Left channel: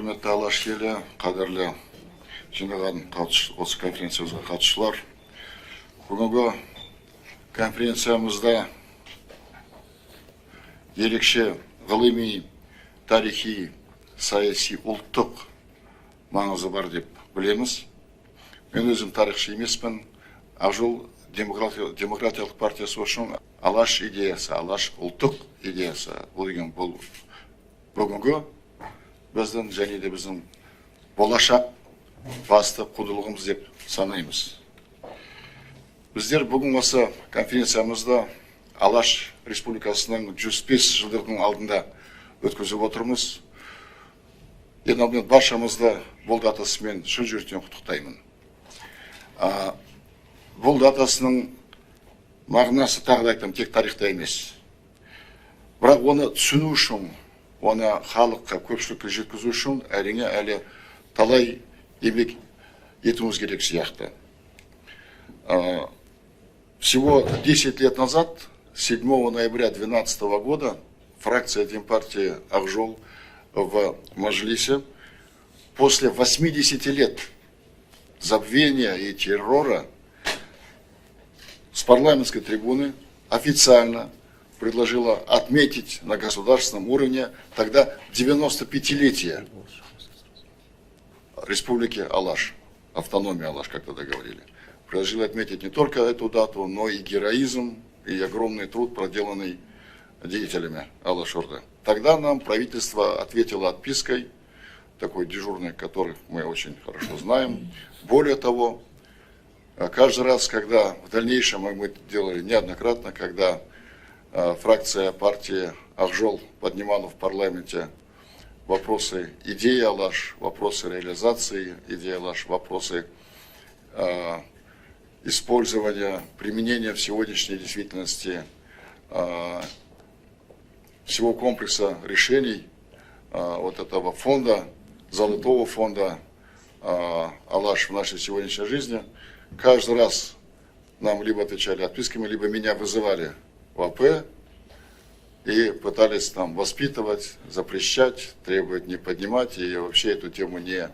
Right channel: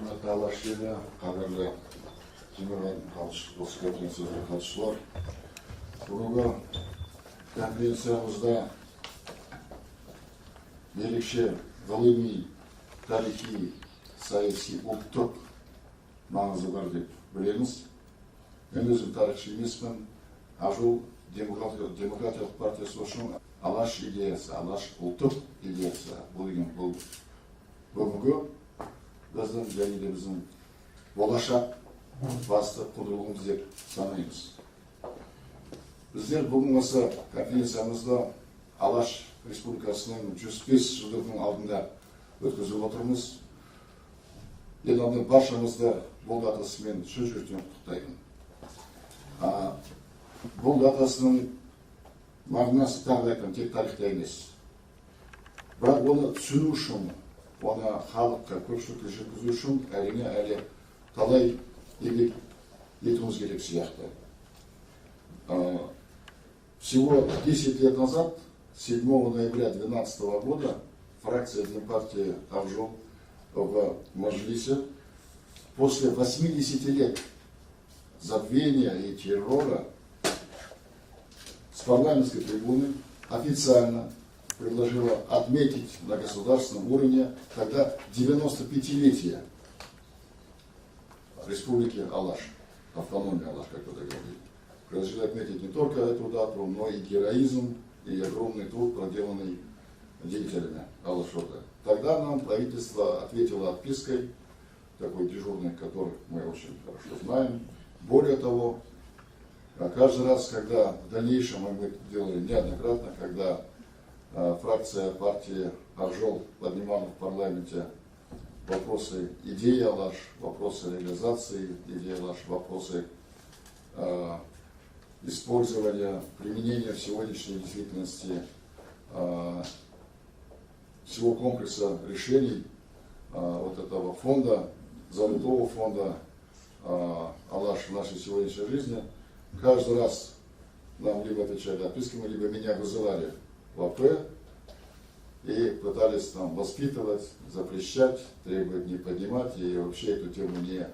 құрметті Алаш елі, қадірлі жиналған осы конференциямызға қатысушылар. Бүгінгі конференциямызда ерекше ғылыми, тарихи, саяси, ұлттық маңызы бар деп білеміз. Мен өзім тарихшы емеспін. Ақжол демократиялық партиясы үшін Алаш идеясы, Алаш ұлттық идеясы бұл бүгінгі біздің және де біздің болашақ басты құндылығымыз деп санаймыз. Біздер бүгін осы конференциямызда Алаш Республикасының 105 жылдығының алдында өткізіп отырмыз. Ең алдымен баршамызды бұл датасымен шын жүректен құттықтаймын. Бұл датасының мағынасы тағы да айтам, тек тарихта емес. Бірақ оны түсіну үшін, оны халыққа, көпшілікке жеткізу үшін әрине әлі талай еңбек етуіміз керек сияқты. Всего 10 лет назад, 7 ноября 2012 года, фракция Демпартии Ақжол в Мажилисе после 80 лет забвения и террора с парламентской трибуны официально предложила отметить на государственном уровне тогда 95-летие Республики Алаш, автономии Алаш, как тогда говорили. Предложила отметить не только эту дату, но и героизм, и огромный труд, проделанный деятелями Алаш-Орды. Тогда нам правительство ответило отпиской, такой дежурной, которую мы очень хорошо знаем. Более того, каждый раз, когда в дальнейшем мы делали неоднократно, когда фракция партии Ақжол поднимала в парламенте вопросы идеи Алаш, вопросы реализации идеи Алаш, вопросы использования, применения в сегодняшней действительности всего комплекса решений вот этого фонда, золотого фонда Алаш в нашей сегодняшней жизни, каждый раз нам либо отвечали отписками, либо меня вызывали в АП и пытались там воспитывать, запрещать, требовать не поднимать и вообще эту тему не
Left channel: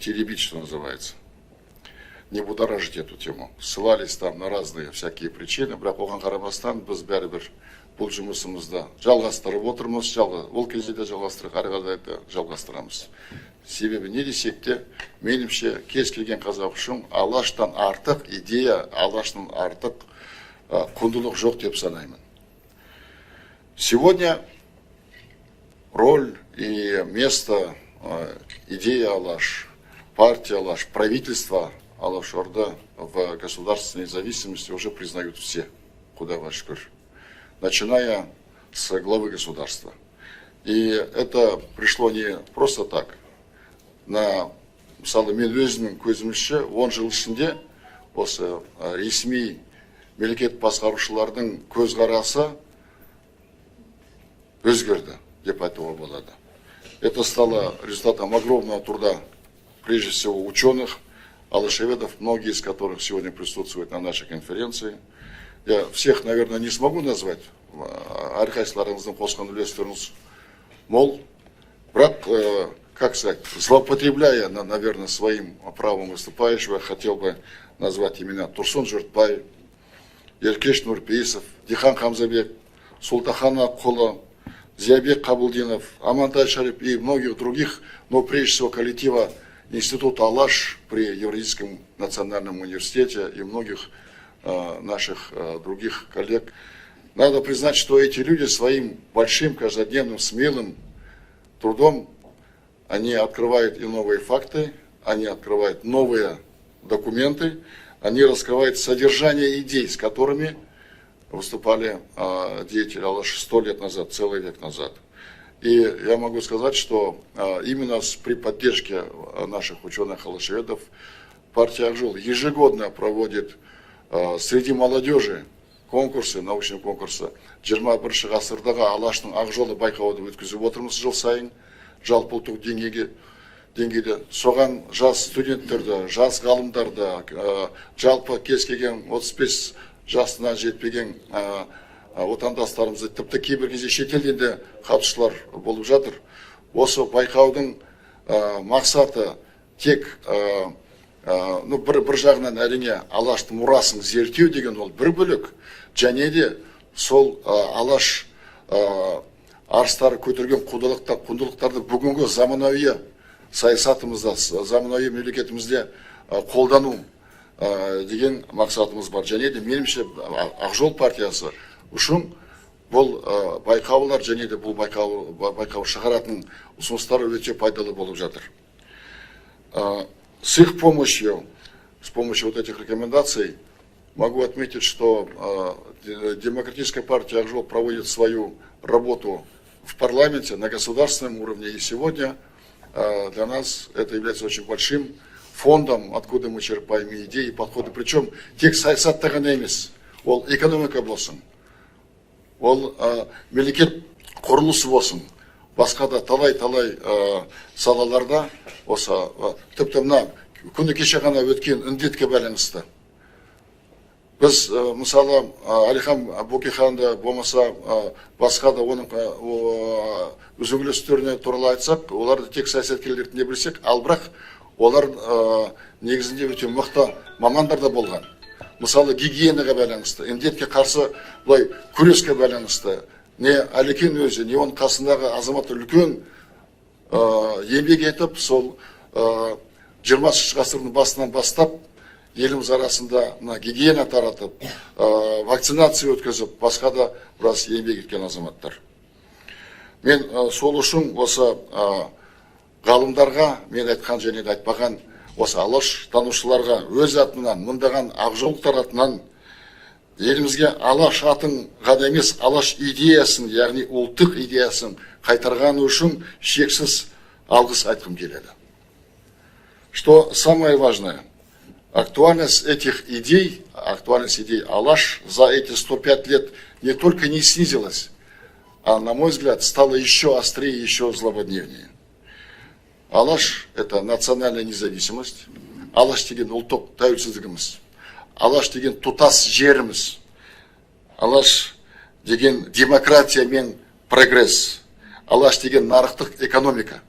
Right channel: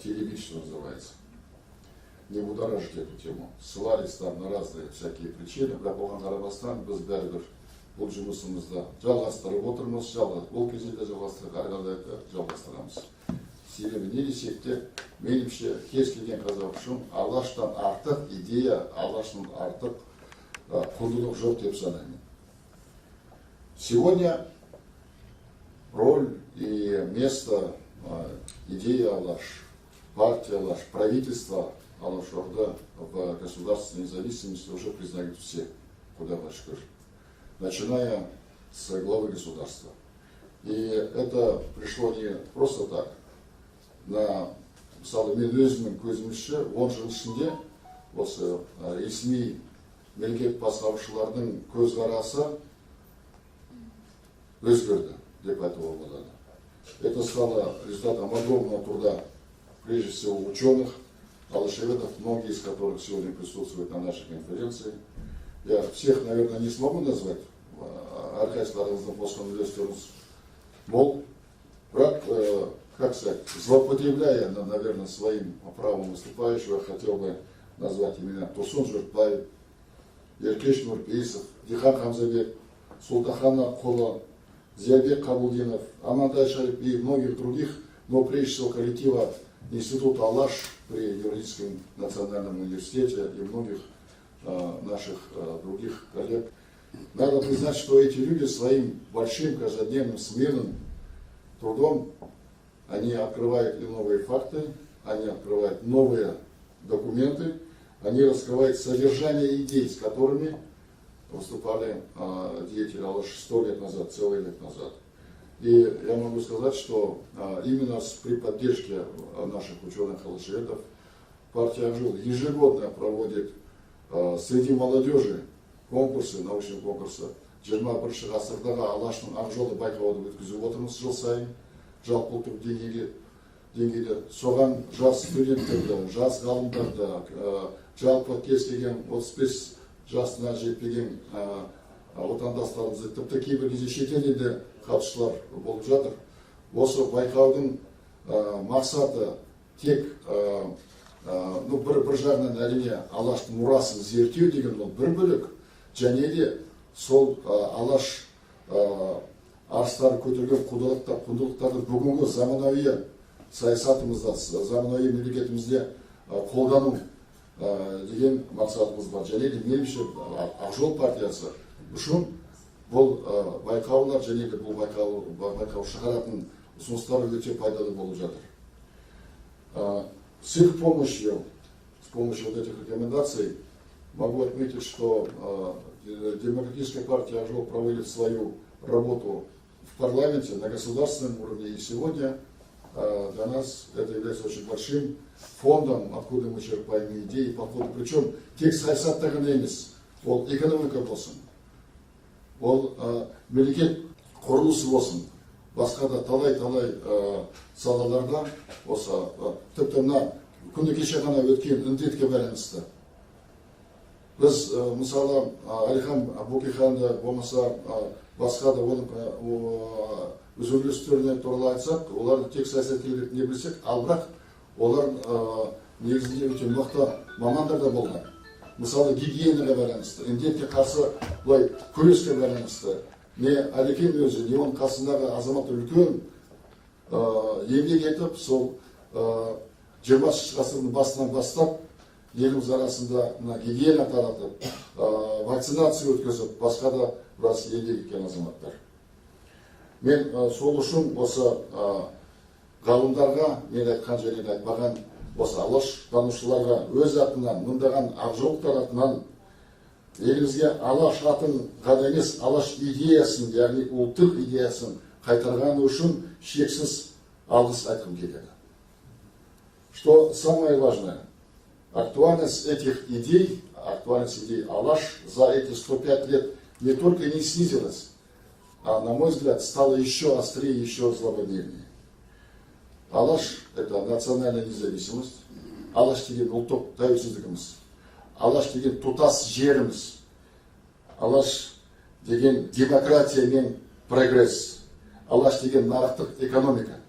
теребить, что называется, не будоражить эту тему. Ссылались там на разные всякие причины, бірақ оған қарамастан біз бәрібір бұл жұмысымызды жалғастырып отырмыз, ол кезде де жалғастырып, ары қарай да жалғастырамыз. Себебі не десек те, меніңше кез келген қазақ үшін Алаштан артық идея, Алаштан артық құндылық жоқ деп санаймын. Сегодня роль и место идеи Алаш, партии Алаш, правительства Алаш-Орда в государственной независимости уже признают все, куда ваш начиная с главы государства. И это пришло не просто так. Мысалы, мен өзімнің көзімізше 10 жыл ішінде осы ресми мемлекет басқарушылардың көзқарасы өзгерді деп айтуға болады. Это стало результатом огромного труда, прежде всего, ученых, алашеведов, многие из которых сегодня присутствуют на нашей конференции. Я всех, наверное, не смогу назвать, әрқайсыларыңыздың қосқан үлестеріңіз мол, бірақ, как сказать, злоупотребляя, наверное, своим правом выступающего, я хотел бы назвать имена Турсун Жұртбай, Еркеш Нұрпейісов, Дихан Хамзабек, Султахан Аққұлы, Зиябек Қабылдинов, Амантай Шарипов и многих других, но прежде всего коллектива Института Алаш при Евразийском национальном университете и многих наших других коллег. Надо признать, что эти люди своим большим, каждодневным, смелым трудом, они открывают и новые факты, они открывают новые документы, они раскрывают содержание идей, с которыми выступали деятели Алаш 100 лет назад, целый век назад. И я могу сказать, что именно при поддержке наших ученых-алашеведов партия Ақжол ежегодно проводит среди молодежи конкурсы, научные конкурсы. 21 ғасырдағы Алаштың Ақжолы байқауды өткізіп отырмыз жыл сайын, жалпы ұлттық деңгейде. Соған жас студенттерді, жас ғалымдарды, жалпы кез келген 35 жасына жетпеген отандастарымызды, тіпті кейбір кезде шетелден де қатысушылар болып жатыр. осы байқаудың мақсаты тек бір жағынан әрине Алаштың мұрасын зерттеу деген ол бір бөлік, және де сол Алаш арыстары көтерген құндылықтарды бүгінгі заманауи саясатымызда, заманауи мемлекетімізде қолдану деген мақсатымыз бар. Және де меніңше Ақ Жол партиясы үшін бұл байқаулар және де бұл байқау шығаратын ұсыныстары өте пайдалы болып жатыр. С их помощью, с помощью вот этих рекомендаций, могу отметить, что Демократическая партия Ак Жол проводит свою работу в парламенте на государственном уровне. И сегодня для нас это является очень большим фондом, откуда мы черпаем идеи и подходы. Причем тек саясаттағы емес, ол экономика болсын, ол мемлекет құрылысы болсын, басқа да талай салаларда осы тіпті мына күні кеше ғана өткен індетке байланысты. Біз мысалы Әлихан Бөкейханды болмаса басқа да оның үзеңгілестеріне туралы айтсақ, оларды тек саясаткерлер ретінде білсек, ал бірақ олар негізінде өте мықты мамандар да болған. Мысалы гигиенаға байланысты, індетке қарсы бұлай күреске байланысты, не Әлекең өзі, не оның қасындағы азамат үлкен еңбек етіп, сол 20 ғасырдың басынан бастап еліміз арасында гигиена таратып, вакцинация өткізіп, басқа да біраз еңбек еткен азаматтар. Мен сол үшін осы ғалымдарға, мен айтқан және де айтпаған осы Алаш танушыларға өз атынан, мыңдаған ақжолықтар атынан елімізге Алаш атын ғана емес, Алаш идеясын, яғни ұлттық идеясын қайтарғаны үшін шексіз алғыс айтқым келеді. Что самое важное, актуальность этих идей, актуальность идей Алаш за эти 105 лет не только не снизилась, а, на мой взгляд, стала еще острее, еще злободневнее. Алаш – это национальная независимость, Алаш деген ұлттық тәуелсіздігіміз, Алаш деген тұтас жеріміз, Алаш деген демократия мен прогресс, Алаш деген нарықтық экономика.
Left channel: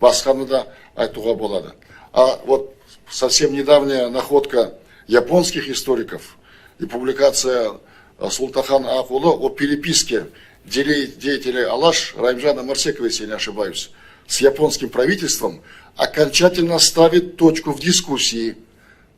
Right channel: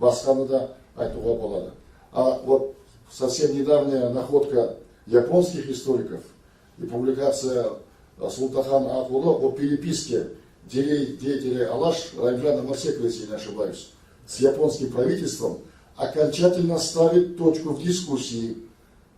Басқаны да айтуға болады. А вот совсем недавняя находка японских историков и публикация Султахана Акулы о переписке деятелей Алаш Райымжана Марсекова, если я не ошибаюсь, с японским правительством, окончательно ставит точку в дискуссии,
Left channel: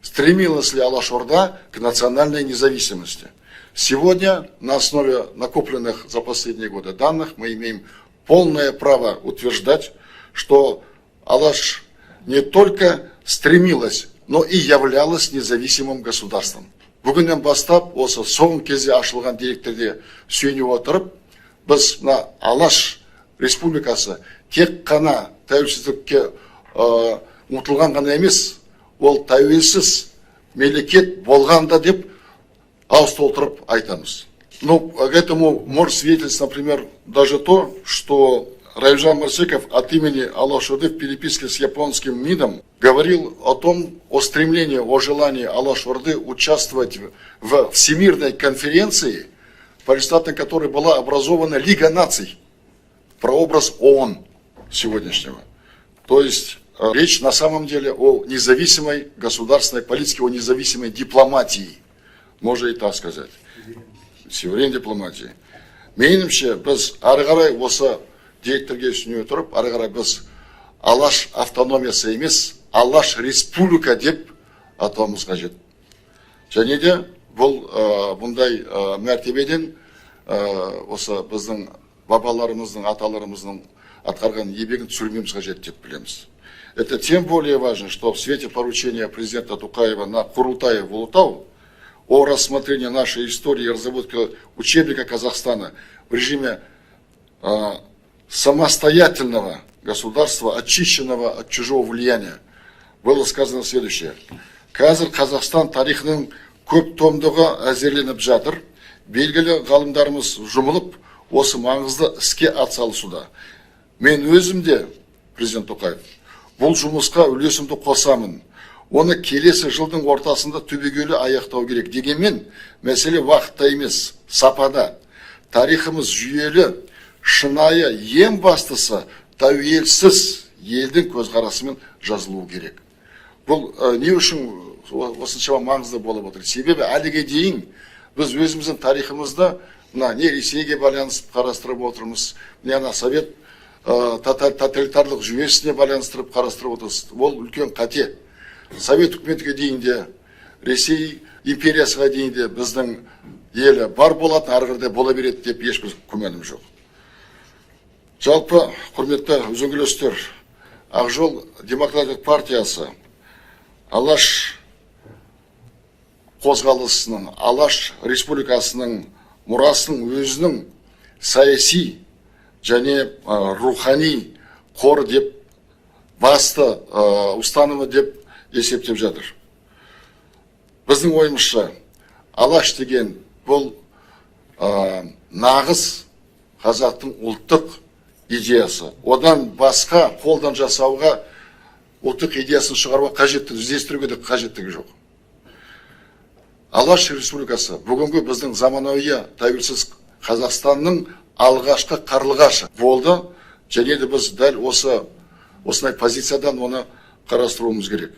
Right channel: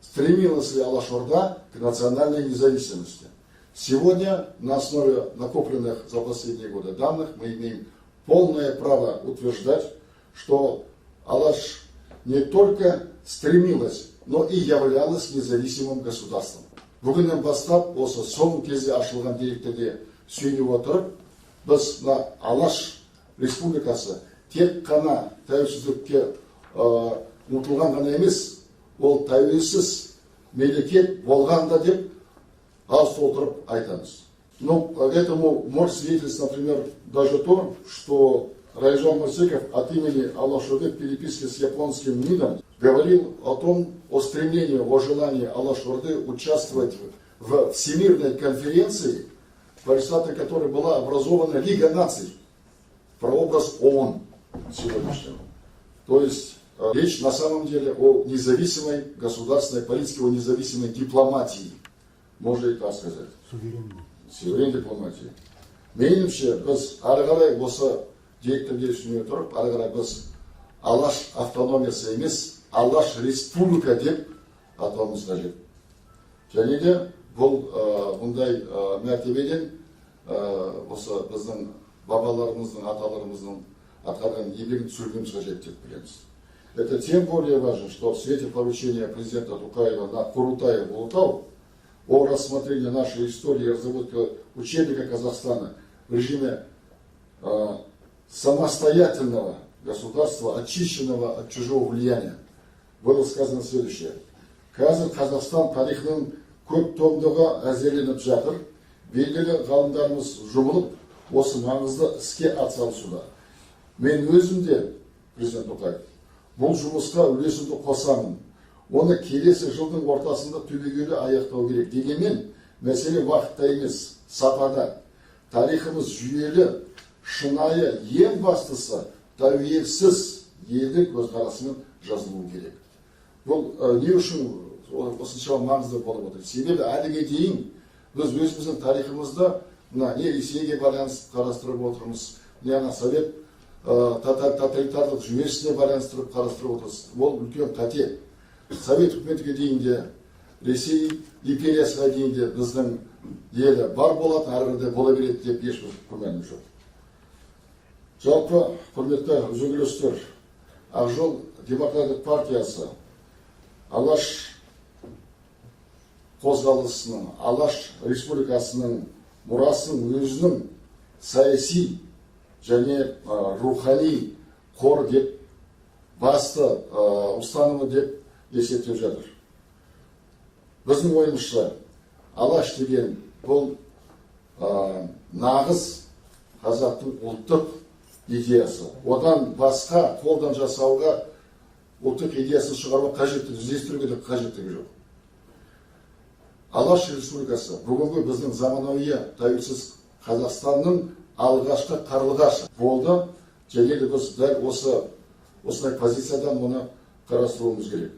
стремилась ли Алаш-Орда к национальной независимости. Сегодня на основе накопленных за последние годы данных мы имеем полное право утверждать, что Алаш не только стремилась, но и являлась независимым государством. Бүгіннен бастап, осы соңғы кезде ашылған деректерде сүйене отырып, біз на Алаш республикасы тек қана тәуелсіздікке ұмтылған ғана емес, ол тәуелсіз мемлекет болғанда деп ауыз толтырып айтамыз. Ну, к этому может свидетельствовать, например, даже то, что Райымжан Марсеков от имени Алаш-Орды в переписке с японским МИДом говорил о стремлении, о желании Алаш-Орды участвовать в Всемирной конференции, по результатам которой была образована Лига наций, прообраз ООН сегодняшнего. То есть речь на самом деле о независимой государственной политике, о независимой дипломатии, можно и так сказать, суверен дипломатии. Меніңше, біз ары қарай осы директорге түсіне отырып, ары қарай біз Алаш автономиясы емес, Алаш республика деп атауымыз қажет. Және де бұл бұндай мәртебеден осы біздің бабаларымыздың, аталарымыздың атқарған еңбегін түсірмеуіміз қажет деп білеміз. Это тем более важно, что в свете поручения президента Токаева на Курултае в Улутау о рассмотрении нашей истории и разработке учебника Казахстана в режиме самостоятельного государства, очищенного от чужого влияния, было сказано следующее. Қазір Қазақстан тарихының көп томдығы әзірленіп жатыр. Белгілі ғалымдарымыз жұмылып, осы маңызды іске атсалысуда. Мен өзімде, президент Токаев, бұл жұмысқа үлесімді қосамын. Оны келесі жылдың ортасында түбегейлі аяқтау керек. Дегенмен, мәселе уақытта емес, сапада. Тарихымыз жүйелі, шынайы, ең бастысы тәуелсіз елдің көзқарасымен жазылуы керек. Бұл не үшін осыншама маңызды болып отыр? Себебі әліге дейін біз өзіміздің тарихымызда мына не Ресейге байланыстырып қарастырып отырмыз, не ана совет тоталитарлық жүйесіне байланыстырып қарастырып отырмыз. Ол үлкен қате. Совет үкіметке дейін де, Ресей империясыға дейін де біздің елі бар болады, ары қарай бола береді деп ешбір күмәнім жоқ. Жалпы, құрметті үзеңгілестер, Ақ жол демократиялық партиясы Алаш қозғалысының, Алаш республикасының мұрасын өзінің саяси және рухани қор деп, басты ұстанымы деп есептеп жатыр. Біздің ойымызша, Алаш деген бұл нағыз қазақтың ұлттық идеясы. Одан басқа қолдан жасауға, ұлттық идеясын шығаруға қажеттігі, іздестіруге де қажеттігі жоқ. Алаш республикасы бүгінгі біздің заманауи тәуелсіз Қазақстанның алғашқы қарлығашы болды, және де біз дәл осындай позициядан оны қарастыруымыз керек.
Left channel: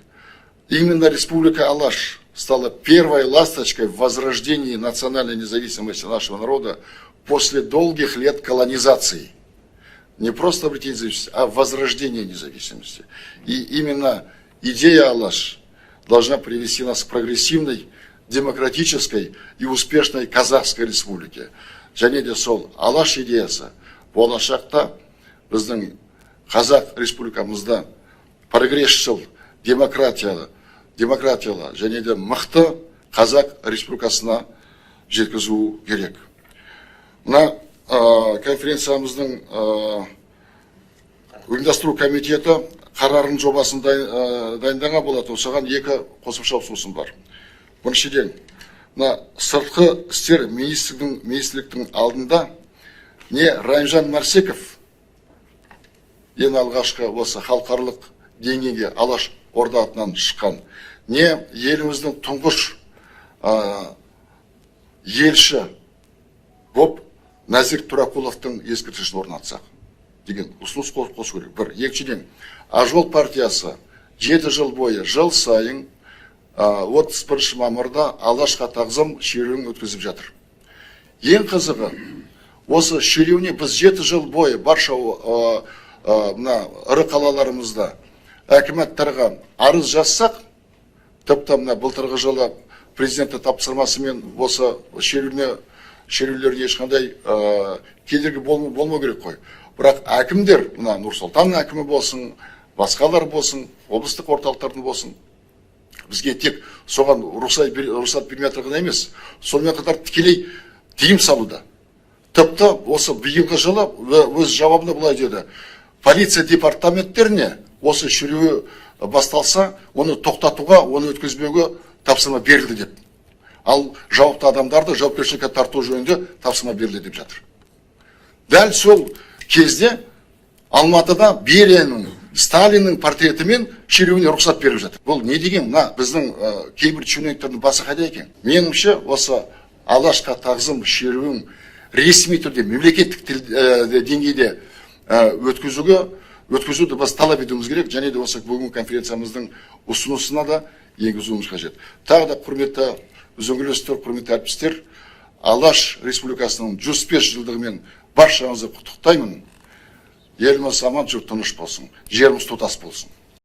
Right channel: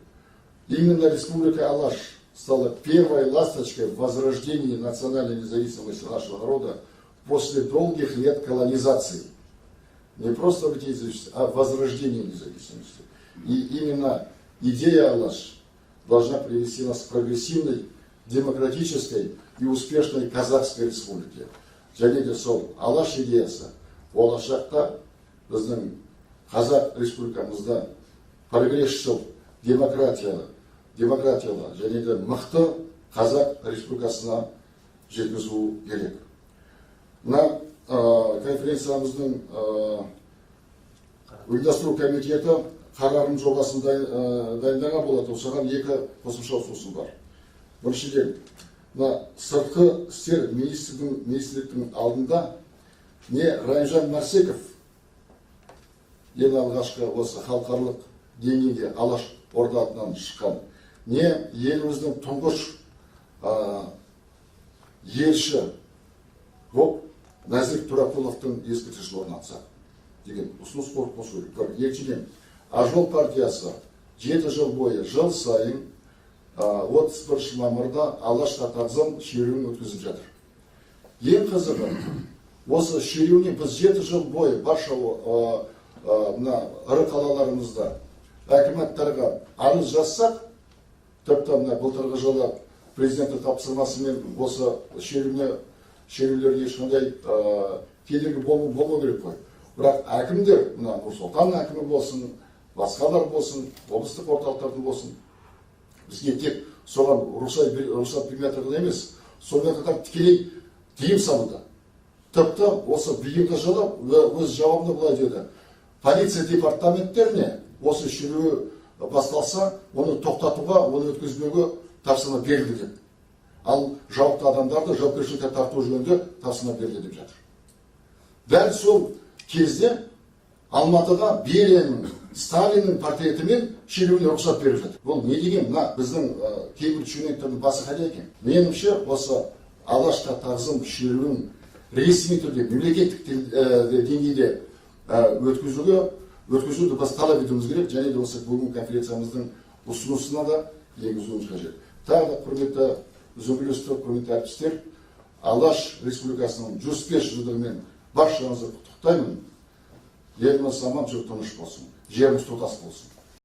Именно республика Алаш стала первой ласточкой в возрождении национальной независимости нашего народа после долгих лет колонизации. Не просто обретение независимости, а возрождение независимости. И именно идея Алаш должна привести нас к прогрессивной, демократической и успешной Казахской республике. Және де сол Алаш идеясы болашақта біздің Қазақ республикамызда прогрессшіл, демократиялы және де мықты Қазақ республикасына жеткізу керек. Мына конференциямыздың ұйымдастыру комитеті қарардың жобасын дайындаған болады. Осыған екі қосымша ұсынысым бар. Біріншіден, сыртқы істер министрліктің алдында не Райымжан Марсеков ең алғашқы осы халықаралық деңгейге Алаш орда атынан шыққан, не еліміздің тұңғыш елші боп Нәзір Тұрақұловтың ескерткішін орнатсақ деген ұсыныс қосу керек. Бір. Екіншіден, Ақ жол партиясы 7 жыл бойы жыл сайын 31 мамырда Алашқа тағзым шеруін өткізіп жатыр. Ең қызығы, осы шеруіне біз 7 жыл бойы барша ірі қалаларымызда әкіметтарға арыз жазсақ, тіпті былтырғы жылы президенті тапсырмасымен осы шерулерге ешқандай кедергі болмау керек қой. Бірақ әкімдер, Нұр-Сұлтан әкімі болсын, басқалар болсын, облыстық орталықтардың болсын, бізге тек соған рұқсат бермей отырған емес, сонымен қатар тікелей тыйым салуда. Тіпті осы биылғы жылы өз жауабында былай деді: полиция департаменттеріне осы шеруі басталса, оны тоқтатуға, оны өткізбеуге тапсырма берілді деп. Ал жауапты адамдарды жауапкершілікке тарту жөнінде тапсырма берілді деп жатыр. Дәл сол кезде Алматыда Берияның, Сталиннің портретімен шеруіне рұқсат беріп жатыр. Бұл не деген? Біздің кейбір чиновниктердің басы қайда екен? Меніңше осы Алашқа тағзым шеруін ресми түрде, мемлекеттік деңгейде өткізуді біз талап етуіміз керек, және де осы бүгінгі конференциямыздың ұсынысына да енгізуіміз қажет. Тағы да құрметті үзеңгілестер, құрметті әріптестер, Алаш республикасының 105 жылдығымен баршаңызды құттықтаймын. Еліміз аман, жұрт тыныш болсын, жеріміз тұтас болсын.